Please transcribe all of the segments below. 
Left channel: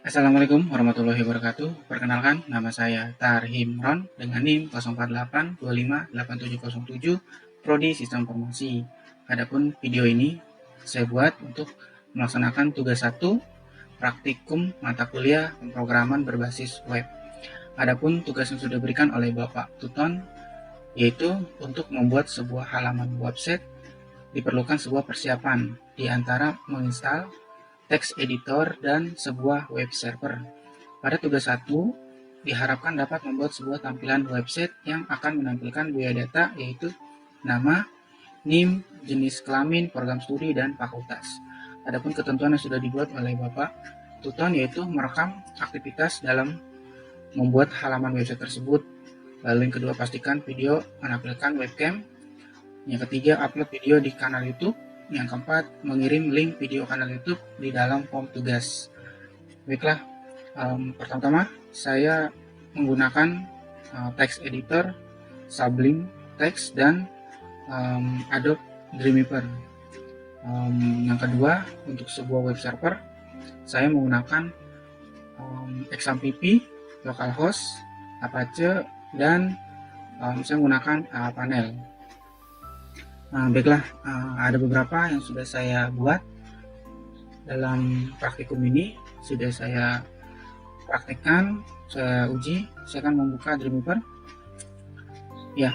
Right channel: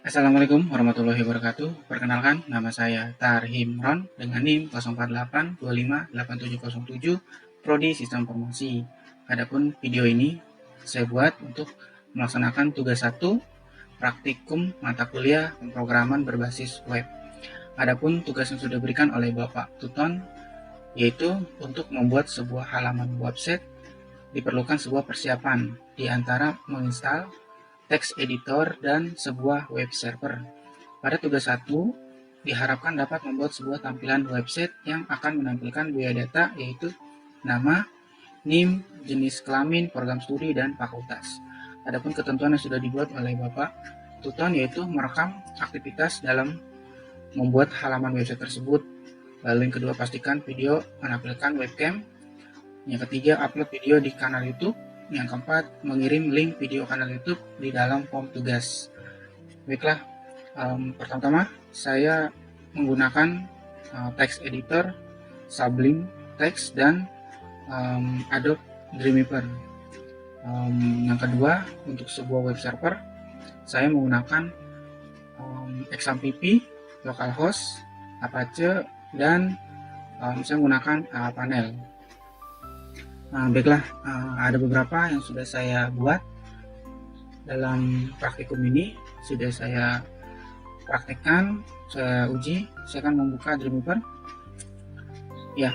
Assalamualaikum warahmatullahi wabarakatuh. Perkenalkan, nama saya Tarhim Ron dengan NIM 048258707 Prodi Sistem Informasi. Adapun video ini saya buat untuk melaksanakan tugas 1 praktikum mata kuliah pemrograman berbasis web. Adapun tugas yang sudah diberikan oleh Bapak Tutan yaitu untuk membuat sebuah halaman website diperlukan sebuah persiapan di antara menginstal text editor dan sebuah web server. Pada tugas 1, diharapkan dapat membuat sebuah tampilan website yang akan menampilkan biodata yaitu nama, NIM, jenis kelamin, program studi, dan fakultas. Adapun ketentuan yang sudah dibuat oleh Bapak Tutan yaitu merekam aktivitas dalam membuat halaman website tersebut. Lalu yang kedua, pastikan video menampilkan webcam. Yang ketiga, upload video di kanal YouTube. Yang keempat, mengirim link video kanal YouTube di dalam form tugas. Baiklah, pertama-tama saya menggunakan text editor, Sublime Text, dan Adobe Dreamweaver. Yang kedua, untuk sebuah web server, saya menggunakan XAMPP, localhost, Apache, dan saya menggunakan panel. Baiklah, ada beberapa yang sudah saya buat dalam praktikum ini, sudah saya praktikkan, saya uji. Saya akan membuka Dreamweaver. Ya,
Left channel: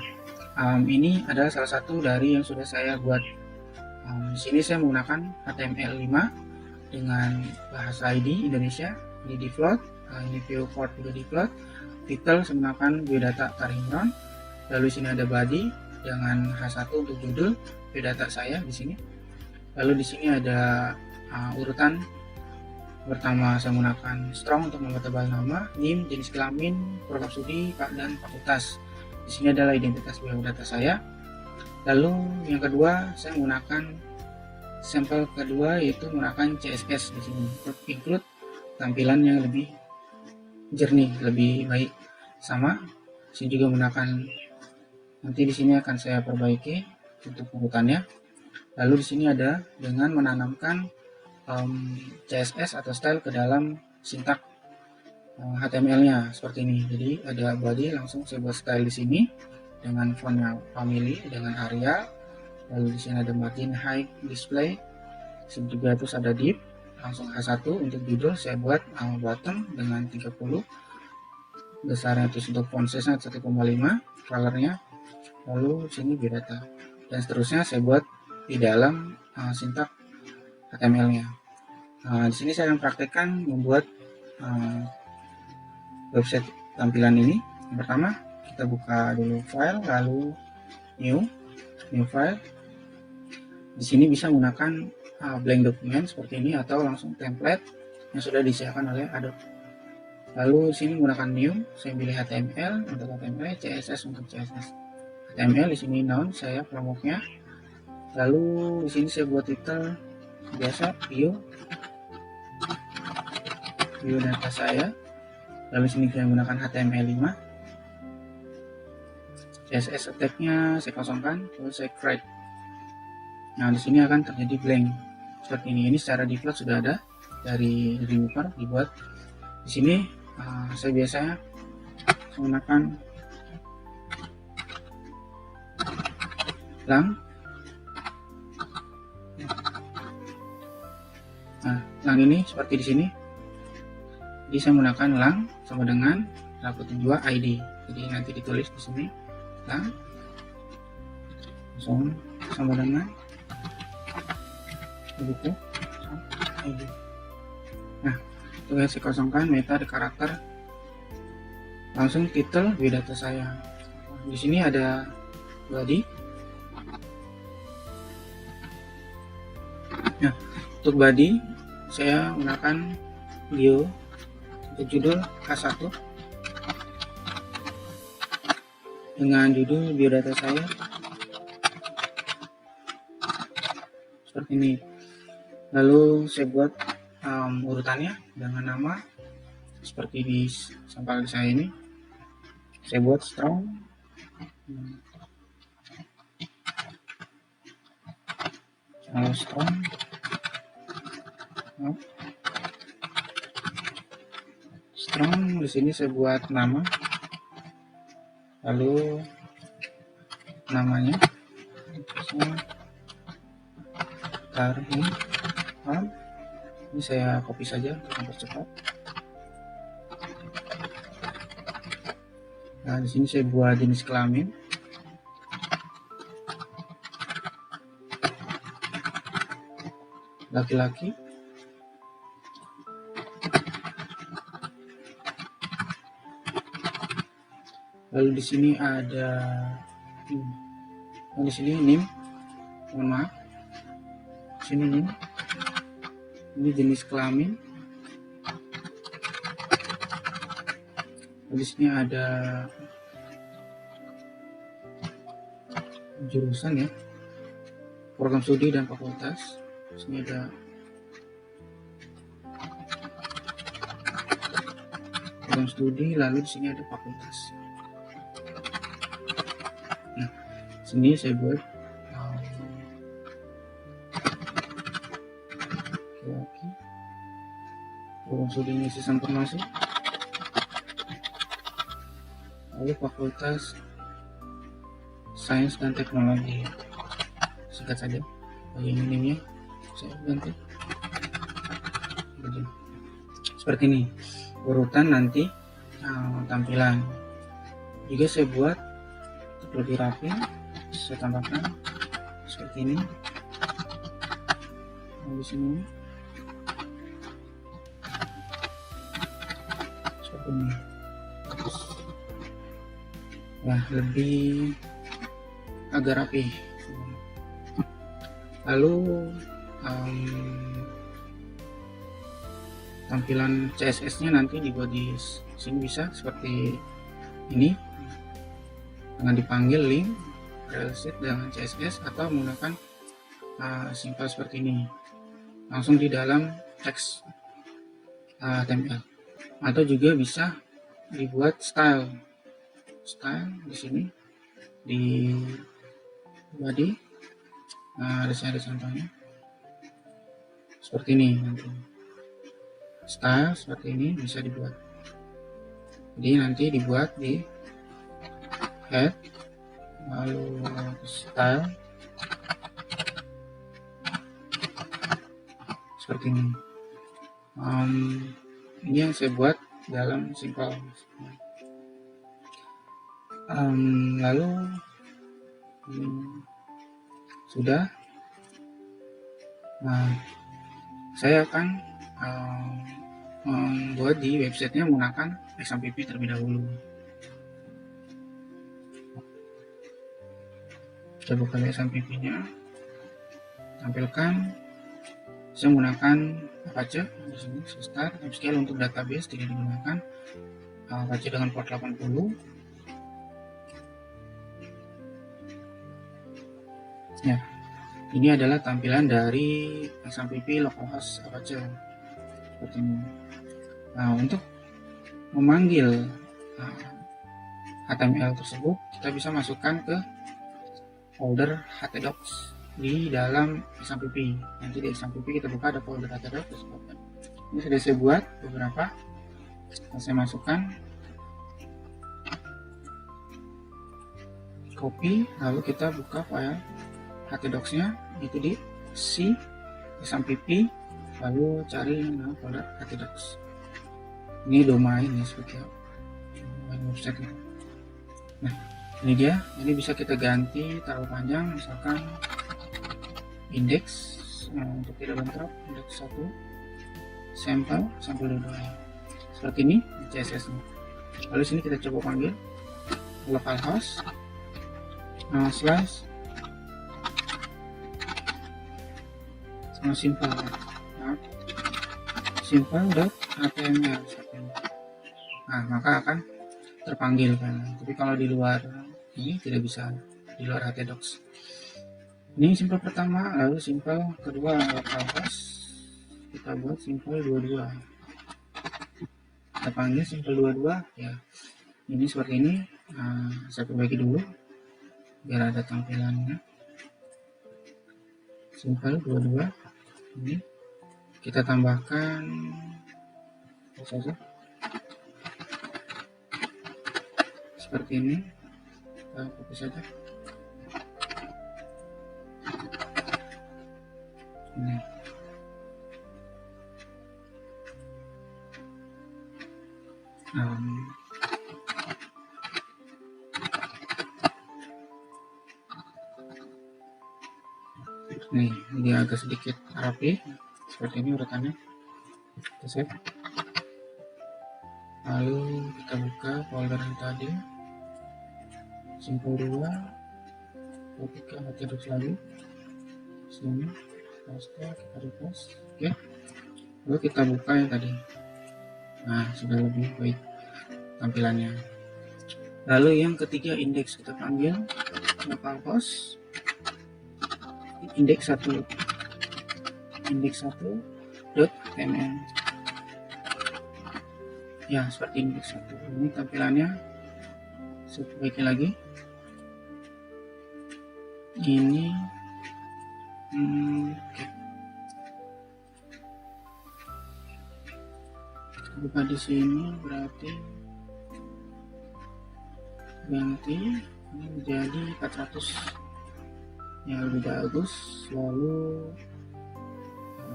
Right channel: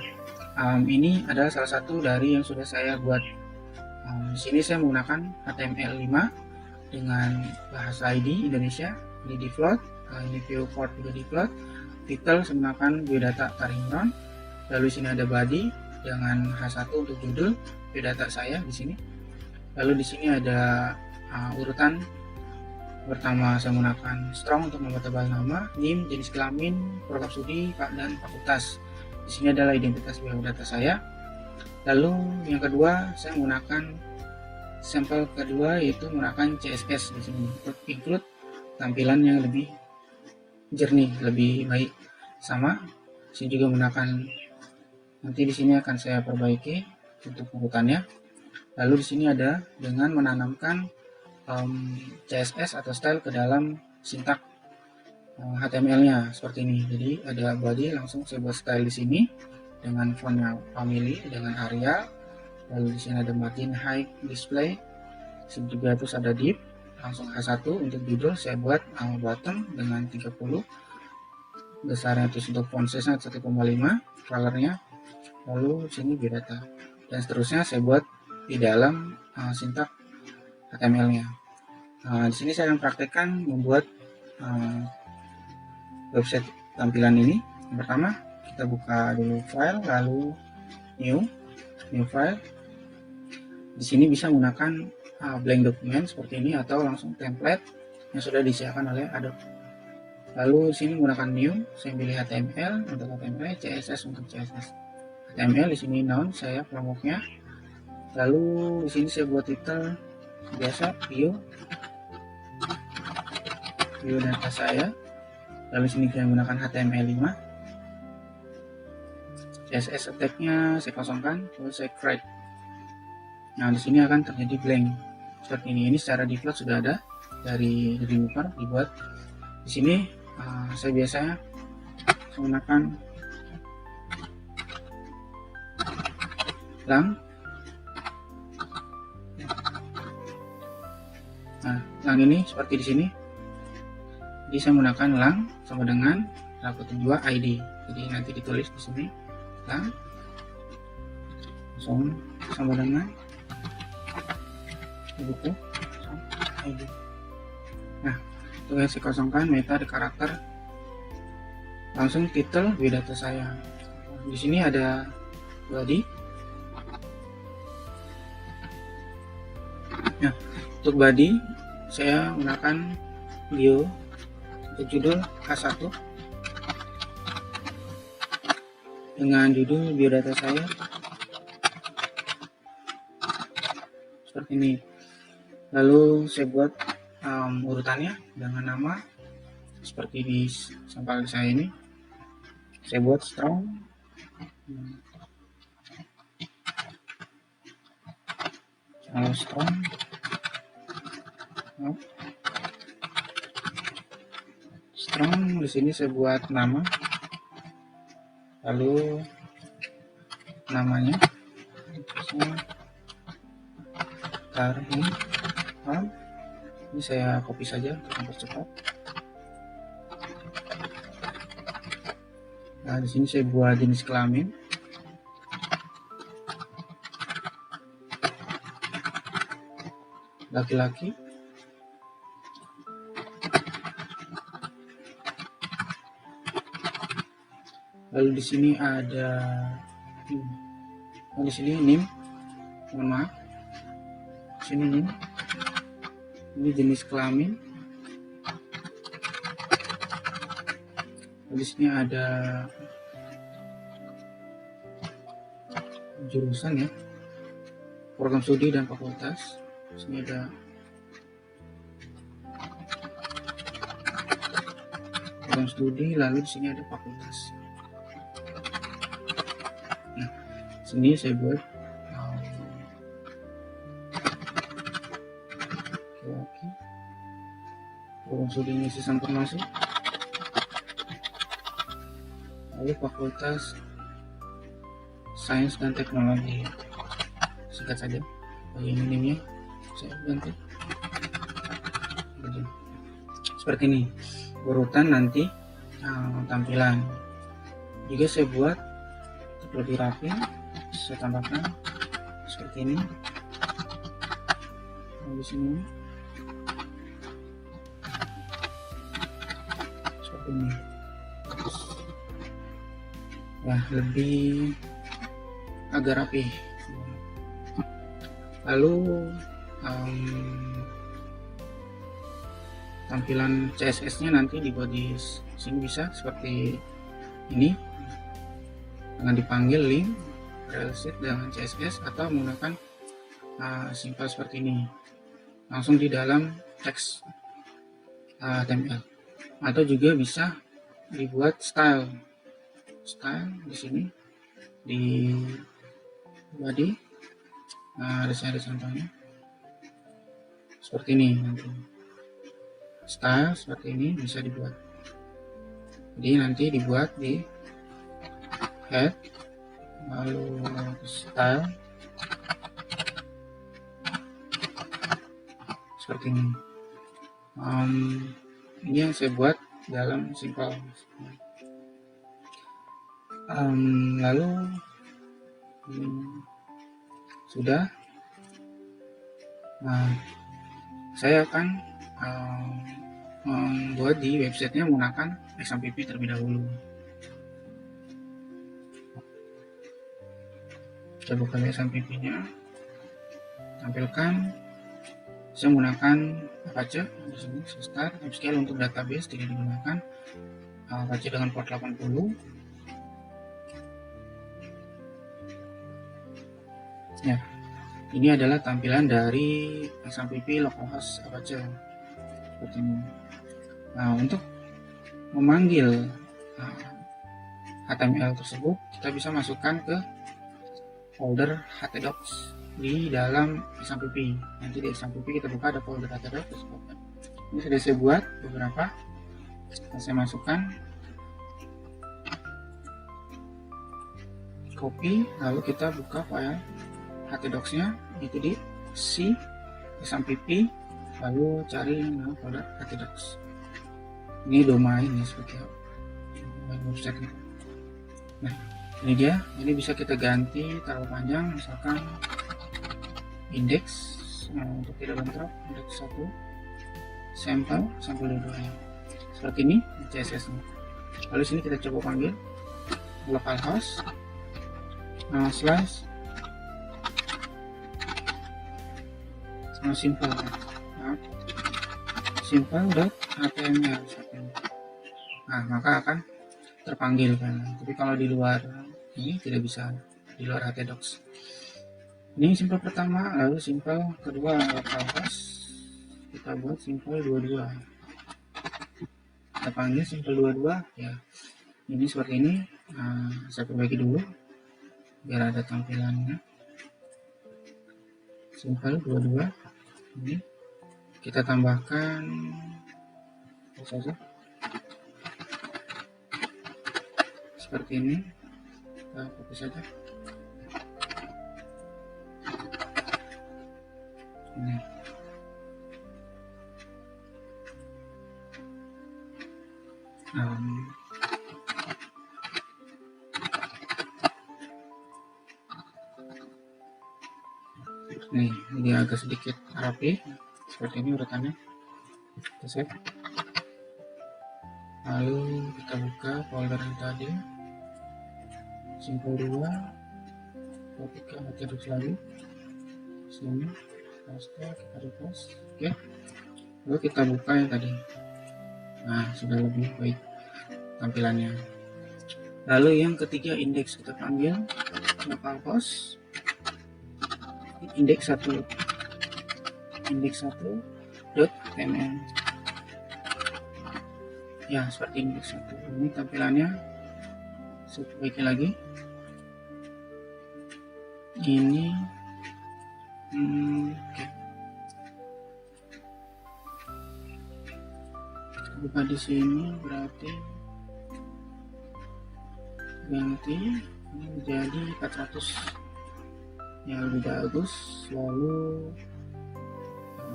ini adalah salah satu dari yang sudah saya buat. Di sini saya menggunakan HTML5 dengan bahasa ID Indonesia. Ini default, ini viewport juga default. Title saya menggunakan biodata Tarhim Ron. Lalu sini ada body dengan H1 untuk judul biodata saya di sini. Lalu di sini ada urutan. Pertama saya menggunakan strong untuk mempertebal nama, NIM, jenis kelamin, program studi, dan fakultas. Di sini adalah identitas biodata saya. Lalu yang kedua saya menggunakan sampel kedua yaitu menggunakan CSS di sini untuk include tampilan yang lebih jernih, lebih baik. Sama, saya juga menggunakan, nanti di sini akan saya perbaiki untuk urutannya. Lalu di sini ada dengan menanamkan CSS atau style ke dalam sintak HTML-nya seperti ini. Jadi ada body, langsung saya buat style di sini dengan fontnya family dengan Arial. Lalu di sini ada margin height display, juga terus ada div, langsung H1 untuk judul saya buat bottom dengan 30, besarnya terus untuk font size-nya 1,5, colornya, lalu sini biodata, dan seterusnya saya buat di dalam sintak HTML-nya. Di sini saya akan praktekkan membuat website tampilan ini. Yang pertama kita buka dulu file, lalu new file. Di sini bisa menggunakan blank dokumen seperti ini atau langsung template yang sudah disediakan oleh Adobe. Lalu di sini menggunakannya saya pilih HTML, template CSS untuk CSS. HTML di sini noun saya frameworknya. Lalu di sini saya buat title biasa view data saya. Lalu sini saya menggunakan HTML5. CSS tag-nya saya kosongkan, lalu saya create. Nah, di sini akan terjadi blank seperti ini. Ini secara default sudah ada dari Dreamweaver dibuat. Di sini saya biasanya menggunakan lang. Nah, yang ini seperti di sini. Jadi saya menggunakan lang sama dengan -2 ID. Jadi nanti ditulis di sini lang sama dengan ID. Nah, itu saya kosongkan meta di karakter, langsung title biodata saya. Di sini ada body. Untuk body saya menggunakan view, untuk judul H1 dengan judul biodata saya seperti ini. Lalu saya buat urutannya dengan nama seperti di sampingan saya ini. Saya buat strong, strong. Di sini saya buat nama, lalu namanya baru ini saya copy saja mempercepat. Nah, di sini saya buat jenis kelamin, laki-laki. Lalu di sini ada di sini NIM, nama, sini NIM. Ini jenis kelamin. Di sini ada jurusan ya, program studi dan fakultas. Di sini ada program studi, lalu di sini ada fakultas. Nah, sini saya buat program studinya sistem informasi, lalu fakultas sains dan teknologi. Singkat saja, ini saya ganti seperti ini berurutan nanti tampilan. Juga saya buat lebih rapi, saya tambahkan seperti ini. Seperti ini. Nah, lebih agak rapi. Lalu tampilan CSS-nya nanti dibuat di sini bisa seperti ini dengan dipanggil link reset dengan CSS, atau menggunakan simple seperti ini langsung di dalam teks HTML, atau juga bisa dibuat style di sini di body. Nah, ada contohnya seperti ini, style seperti ini bisa dibuat. Jadi nanti dibuat di head, lalu style seperti ini. Ini yang saya buat dalam simple. Lalu sudah. Nah, saya akan membuat di websitenya menggunakan XMPP terlebih dahulu. Saya buka XMPP-nya, tampilkan. Saya menggunakan Apache di sini. Start upscale untuk database tidak digunakan. Apache dengan port 80. Ya, ini adalah tampilan dari XMPP localhost Apache seperti ini. Nah, untuk memanggil HTML tersebut, kita bisa masukkan ke folder htdocs di dalam XMPP. Nanti di XMPP kita buka ada folder htdocs tersebut. Ini sudah saya buat beberapa. Saya masukkan, copy, lalu kita buka file htdocs-nya, itu di C XMPP, lalu cari nama folder htdocs. Ini domain ya, seperti apa website ya. Nah, ini dia. Ini bisa kita ganti terlalu panjang, misalkan index untuk tidak bentrok, index 1 sampel 2 seperti ini di CSS nya. Lalu sini kita coba panggil localhost slash simple.html. Nah, maka akan terpanggil kan. Tapi kalau di luar ini tidak bisa, di luar htdocs. Ini simple pertama, lalu simple kedua, kita buat simple 22. Kita panggil simple 22 ya. Ini seperti ini. Saya perbaiki dulu biar ada tampilannya. Simple 22 ini kita tambahkan apa saja, seperti ini. Kita copy saja. Ini. Nih, dia agak sedikit rapi seperti ini urutannya. Kita save. Lalu kita buka folder yang tadi, simple 2, kita terus lagi sini, kita request, ya. Lalu kita buka yang tadi. Nah, sudah lebih baik tampilannya. Lalu yang ketiga, indeks, kita panggil localhost indeks 1 .ml. Ya, seperti ini. Ini tampilannya. Saya perbaiki lagi. Ini buka di sini berarti ganti ini menjadi 400 yang lebih bagus. Lalu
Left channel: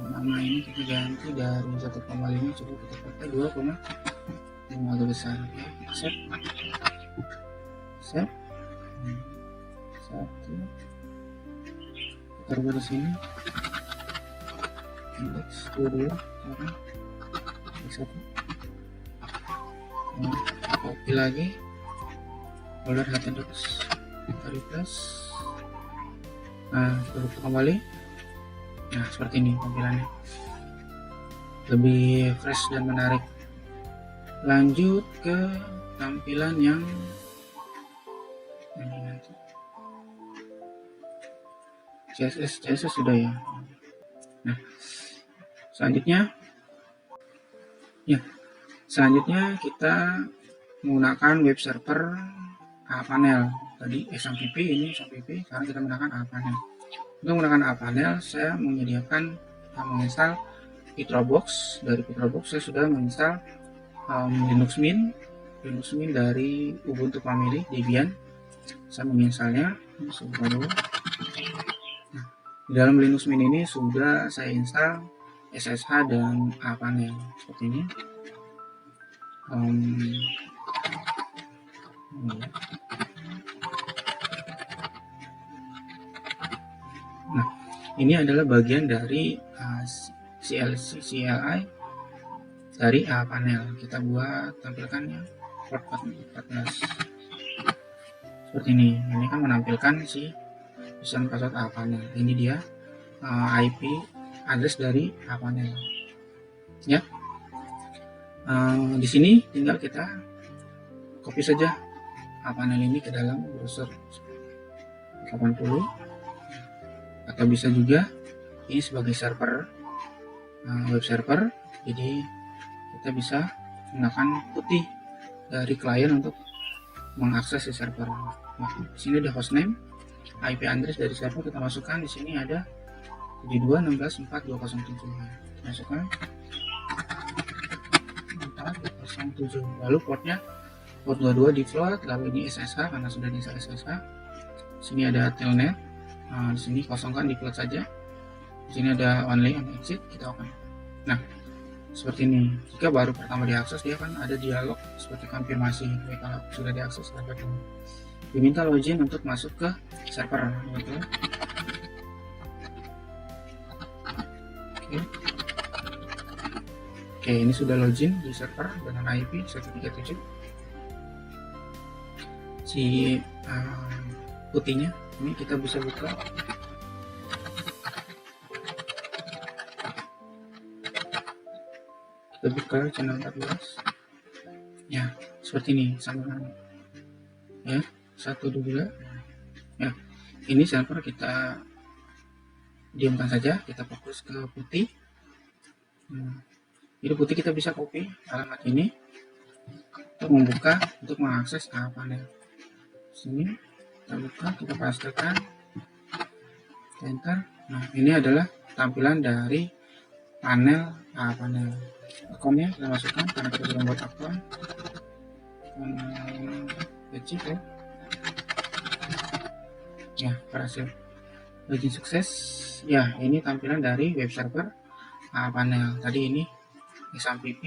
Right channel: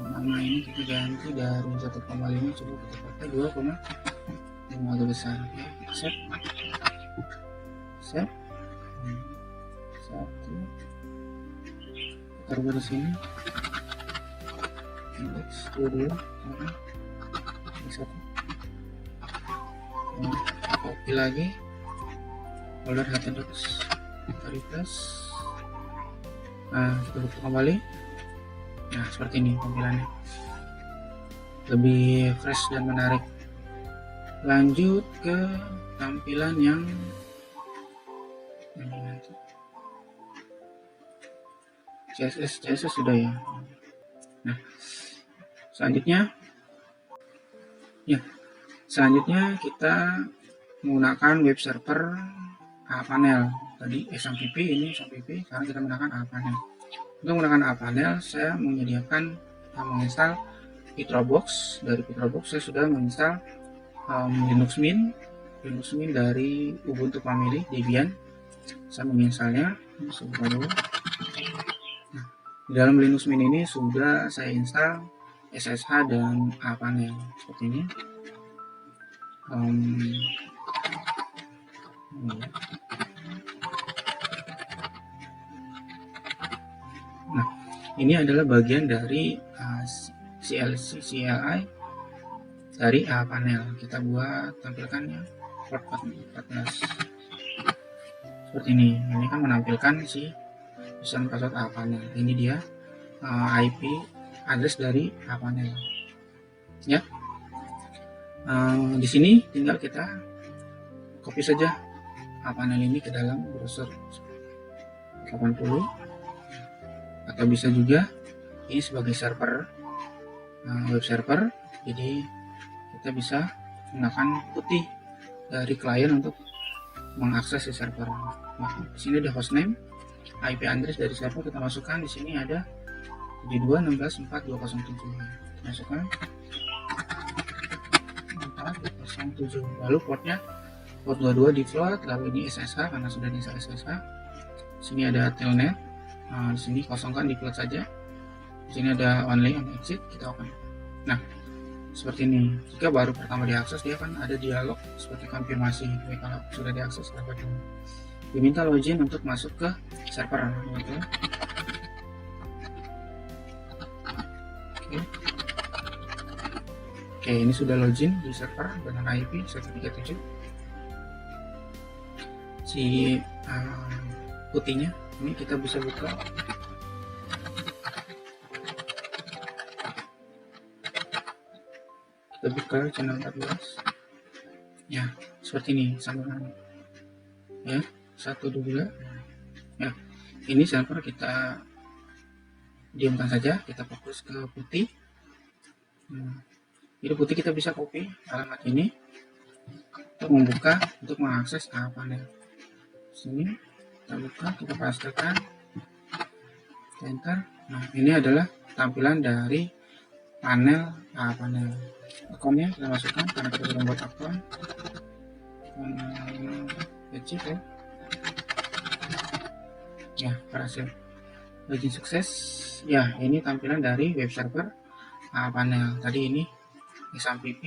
nama ini kita ganti dari 1,5 jadi kita pakai 2,5 agak besar. Save. Taruh di sini. Indeks 22 1. Copy lagi. Folder database. Refresh. Nah, kita kembali. Nah, seperti ini tampilannya. Lebih fresh dan menarik. Lanjut ke tampilan yang CSS sudah ya. Nah, selanjutnya kita menggunakan web server panel. Tadi SMTP, ini SMTP, sekarang kita menggunakan panel. Untuk menggunakan panel, saya menginstal Petrobox. Dari Petrobox saya sudah menginstal Linux Mint dari Ubuntu Family Debian. Saya menginstalnya. Di dalam Linux Mint ini sudah saya install SSH dan panel seperti ini. Nah, ini adalah bagian dari CLI dari panel. Kita buat tampilkannya port 14 seperti ini. Ini kan menampilkan si pesan password panel. Ini dia IP address dari panel. Ya. Di sini tinggal kita copy saja panel ini ke dalam browser 80, atau bisa juga ini sebagai server, web server. Jadi kita bisa menggunakan putih dari klien untuk mengakses si server. Nah, di sini ada hostname, IP address dari server kita masukkan. Di sini ada 72.16.4.207. Masukkan 4.207. Lalu portnya port 22 default. Lalu ini SSH karena sudah di SSH. Di sini ada telnet. Nah, di sini kosongkan default saja. Di sini ada only on exit, kita open. Nah, seperti ini. Jika baru pertama diakses, dia kan ada dialog seperti konfirmasi kalau sudah diakses server ini. Diminta login untuk masuk ke server. Oke, ini sudah login di server dengan IP 137. Si putihnya ini kita bisa buka. Kita ke channel 14. Ya, seperti ini sama. Ya, 1, 2. Ya, ini server kita diamkan saja, kita fokus ke putih. Jadi putih kita bisa copy alamat ini untuk membuka, untuk mengakses panel. Sini kita buka, kita pastekan, enter. Nah, ini adalah tampilan dari panel pokoknya masukkan nomor apa, berhasil. Ya, berhasil. Login sukses. Ya, ini tampilan dari web server panel. Tadi ini SMPP.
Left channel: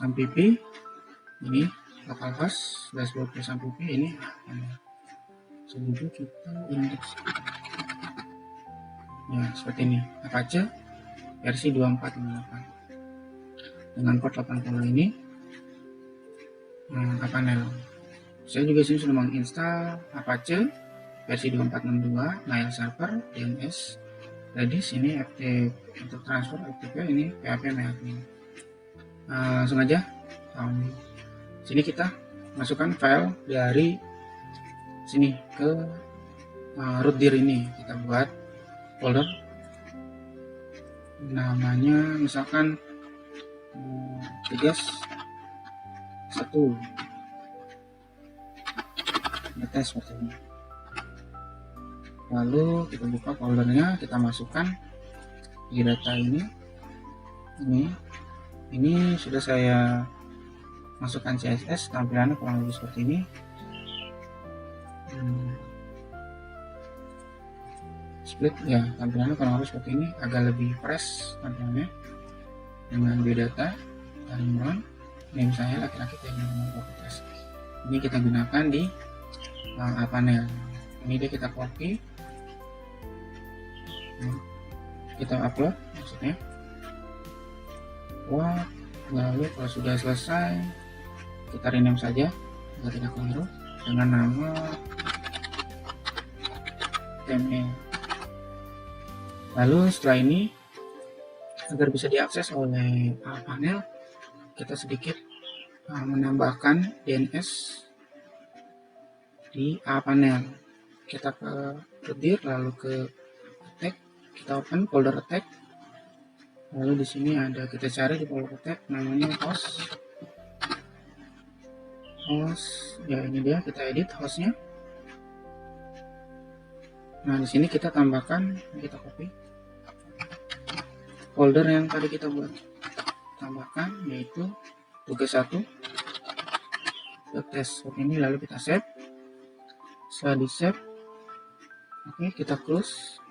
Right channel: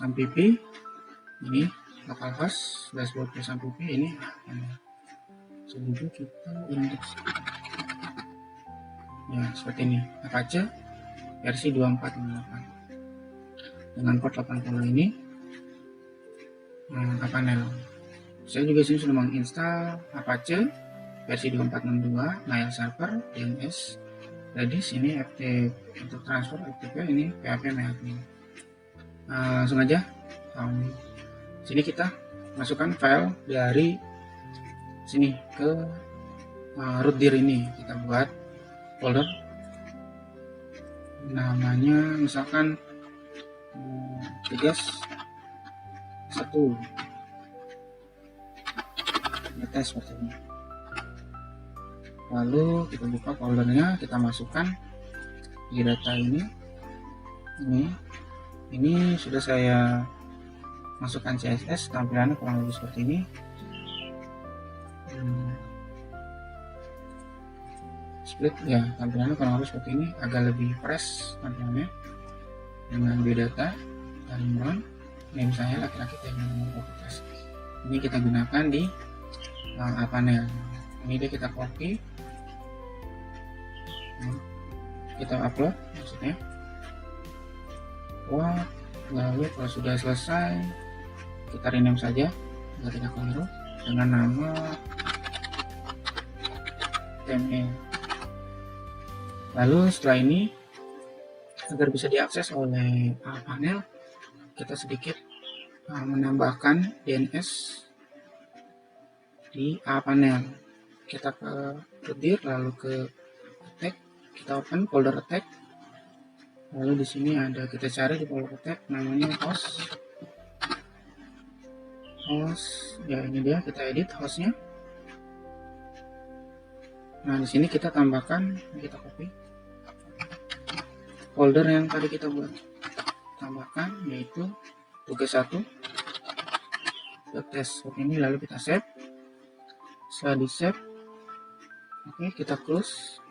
SMPP ini atas dashboard SMPP ini seluruh kita indeks. Ya, seperti ini. Apache versi 2458 dengan port 80 ini. Panel. Saya juga sini sudah menginstal Apache versi 2462, Nile Server, DNS, Redis, ini RT untuk transfer FTP, ini PHP MyAdmin. Langsung aja. Sini kita masukkan file dari sini ke root dir ini. Kita buat folder namanya misalkan tugas 1 data seperti ini. Lalu kita buka foldernya, kita masukkan di data ini sudah saya masukkan CSS, tampilannya kurang lebih seperti ini. Split ya, tampilannya kurang lebih seperti ini, agak lebih fresh tampilannya dengan biodata taruhan name file laki-laki dan identitas. Ini kita gunakan di panel. Ini dia kita copy, kita upload maksudnya. Lalu kalau sudah selesai kita rename saja agar tidak keliru dengan nama template. Lalu setelah ini agar bisa diakses oleh panel, kita sedikit menambahkan DNS di panel. Kita ke dir, lalu ke attack, kita open folder attack. Lalu di sini ada, kita cari di folder attack namanya host. Ya ini dia, kita edit hostnya. Nah di sini kita tambahkan, kita copy folder yang tadi kita buat, tambahkan yaitu tugas 1 test seperti ini. Lalu kita save. Setelah di save, oke, kita close.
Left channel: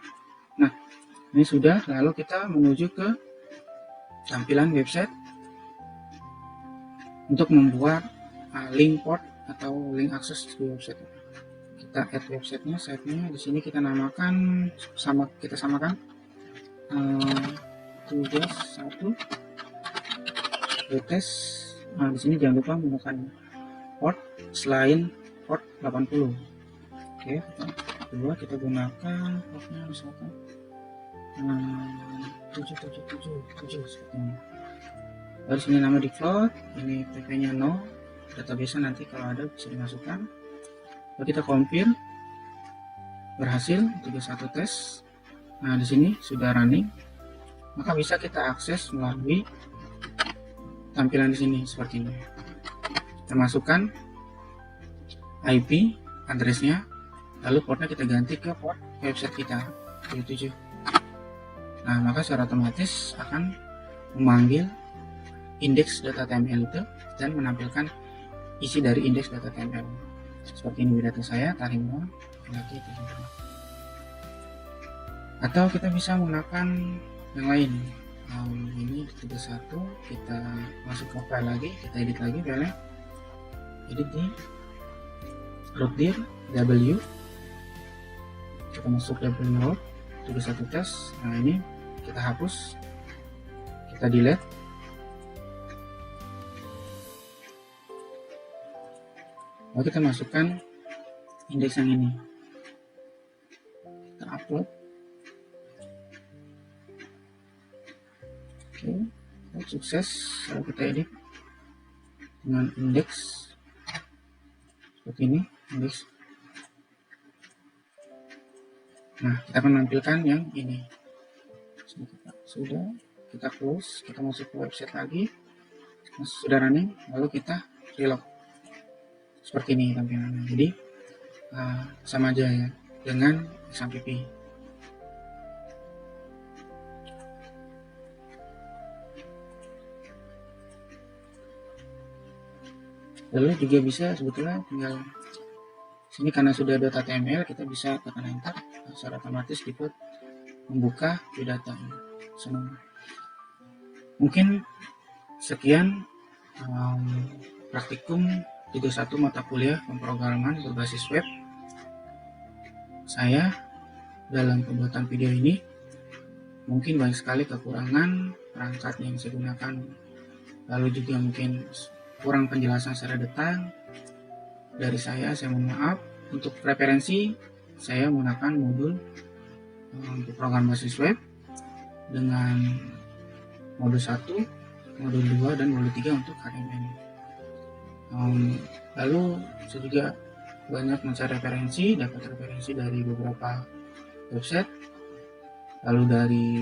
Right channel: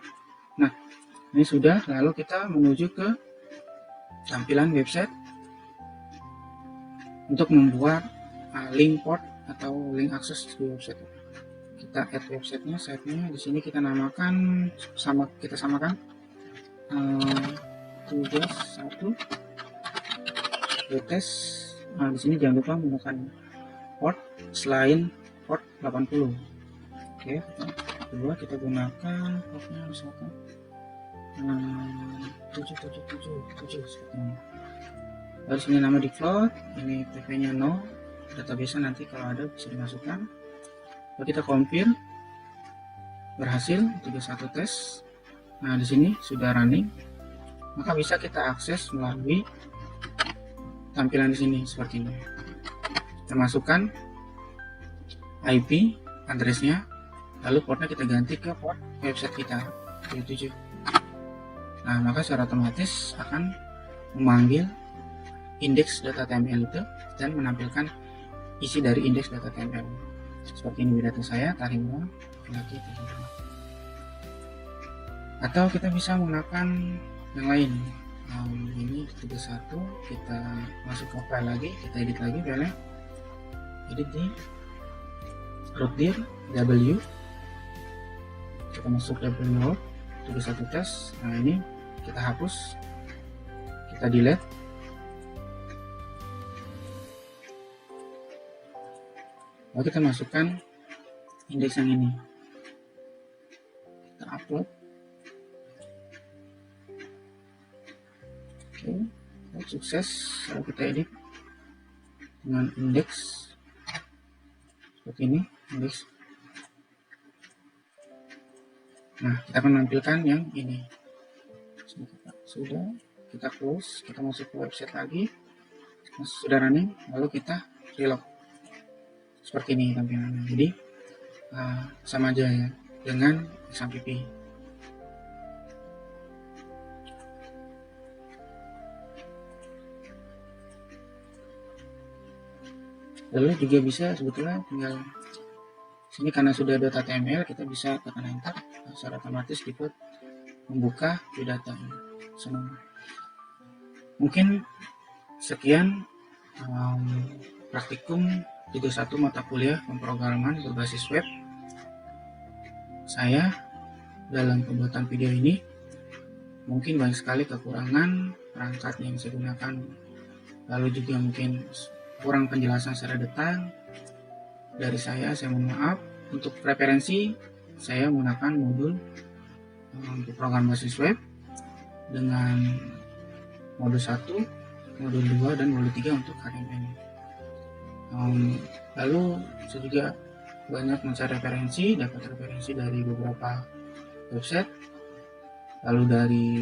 Nah ini sudah. Lalu kita menuju ke tampilan website untuk membuat link port atau link akses di website. Kita add website-nya, site-nya di sini kita namakan kita samakan tugas 1 test. Nah di sini jangan lupa menggunakan port selain port 80. Oke, kedua kita gunakan portnya misalkan 777. Lalu sini nama default, ini tipe-nya no, database nanti kalau ada bisa dimasukkan. Lalu kita confirm, berhasil 31 tes. Nah di sini sudah running, maka bisa kita akses melalui tampilan di sini seperti ini. Kita masukkan IP addressnya, lalu portnya kita ganti ke port website kita 7. Nah maka secara otomatis akan memanggil indeks data.tml itu dan menampilkan isi dari indeks data.tml. Seperti ini data saya, tarimura laki tarimura. Atau kita bisa menggunakan yang lain. Ini tugas 1, kita masuk ke file lagi, kita edit lagi filenya. Edit di root dir w, kita masuk w tugas 1 tas. Nah ini kita hapus, kita delete. Lalu kita masukkan indeks yang ini, kita upload. Oke, sukses. Lalu kita edit dengan indeks seperti ini, indeks. Nah kita menampilkan yang ini. Sudah, kita close, kita masuk ke website lagi, sudah running. Lalu kita reload seperti ini tampilannya. Jadi sama aja ya dengan SMPP. Lalu juga bisa sebetulnya tinggal ini karena sudah ada HTML, kita bisa tekan enter secara otomatis ikut membuka biodata ini semua. Mungkin sekian praktikum tugas 1 mata kuliah pemrograman berbasis web saya dalam pembuatan video ini. Mungkin banyak sekali kekurangan perangkat yang saya gunakan, lalu juga mungkin kurang penjelasan secara detail dari saya mohon maaf. Untuk referensi saya menggunakan modul untuk program berbasis web dengan modul 1, modul 2, dan modul 3 untuk HTML. Lalu saya juga banyak mencari dapat referensi dari beberapa website, lalu dari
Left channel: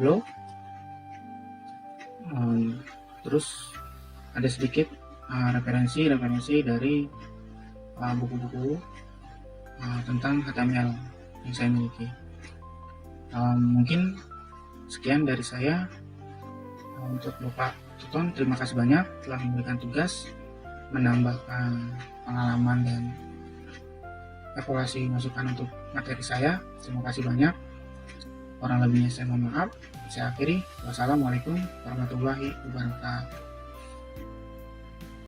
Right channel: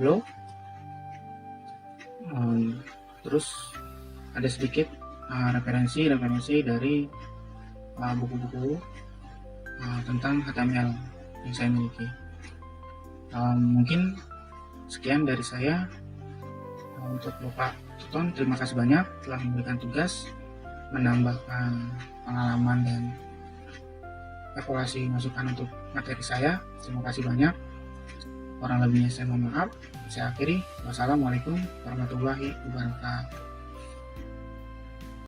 blog, terus ada sedikit referensi dari buku-buku tentang HTML yang saya miliki. Mungkin sekian dari saya. Untuk Bapak Tuton, terima kasih banyak telah memberikan tugas, menambahkan pengalaman dan evaluasi masukan untuk materi saya. Terima kasih banyak. Kurang lebihnya saya mohon maaf. Saya akhiri. Wassalamualaikum warahmatullahi wabarakatuh.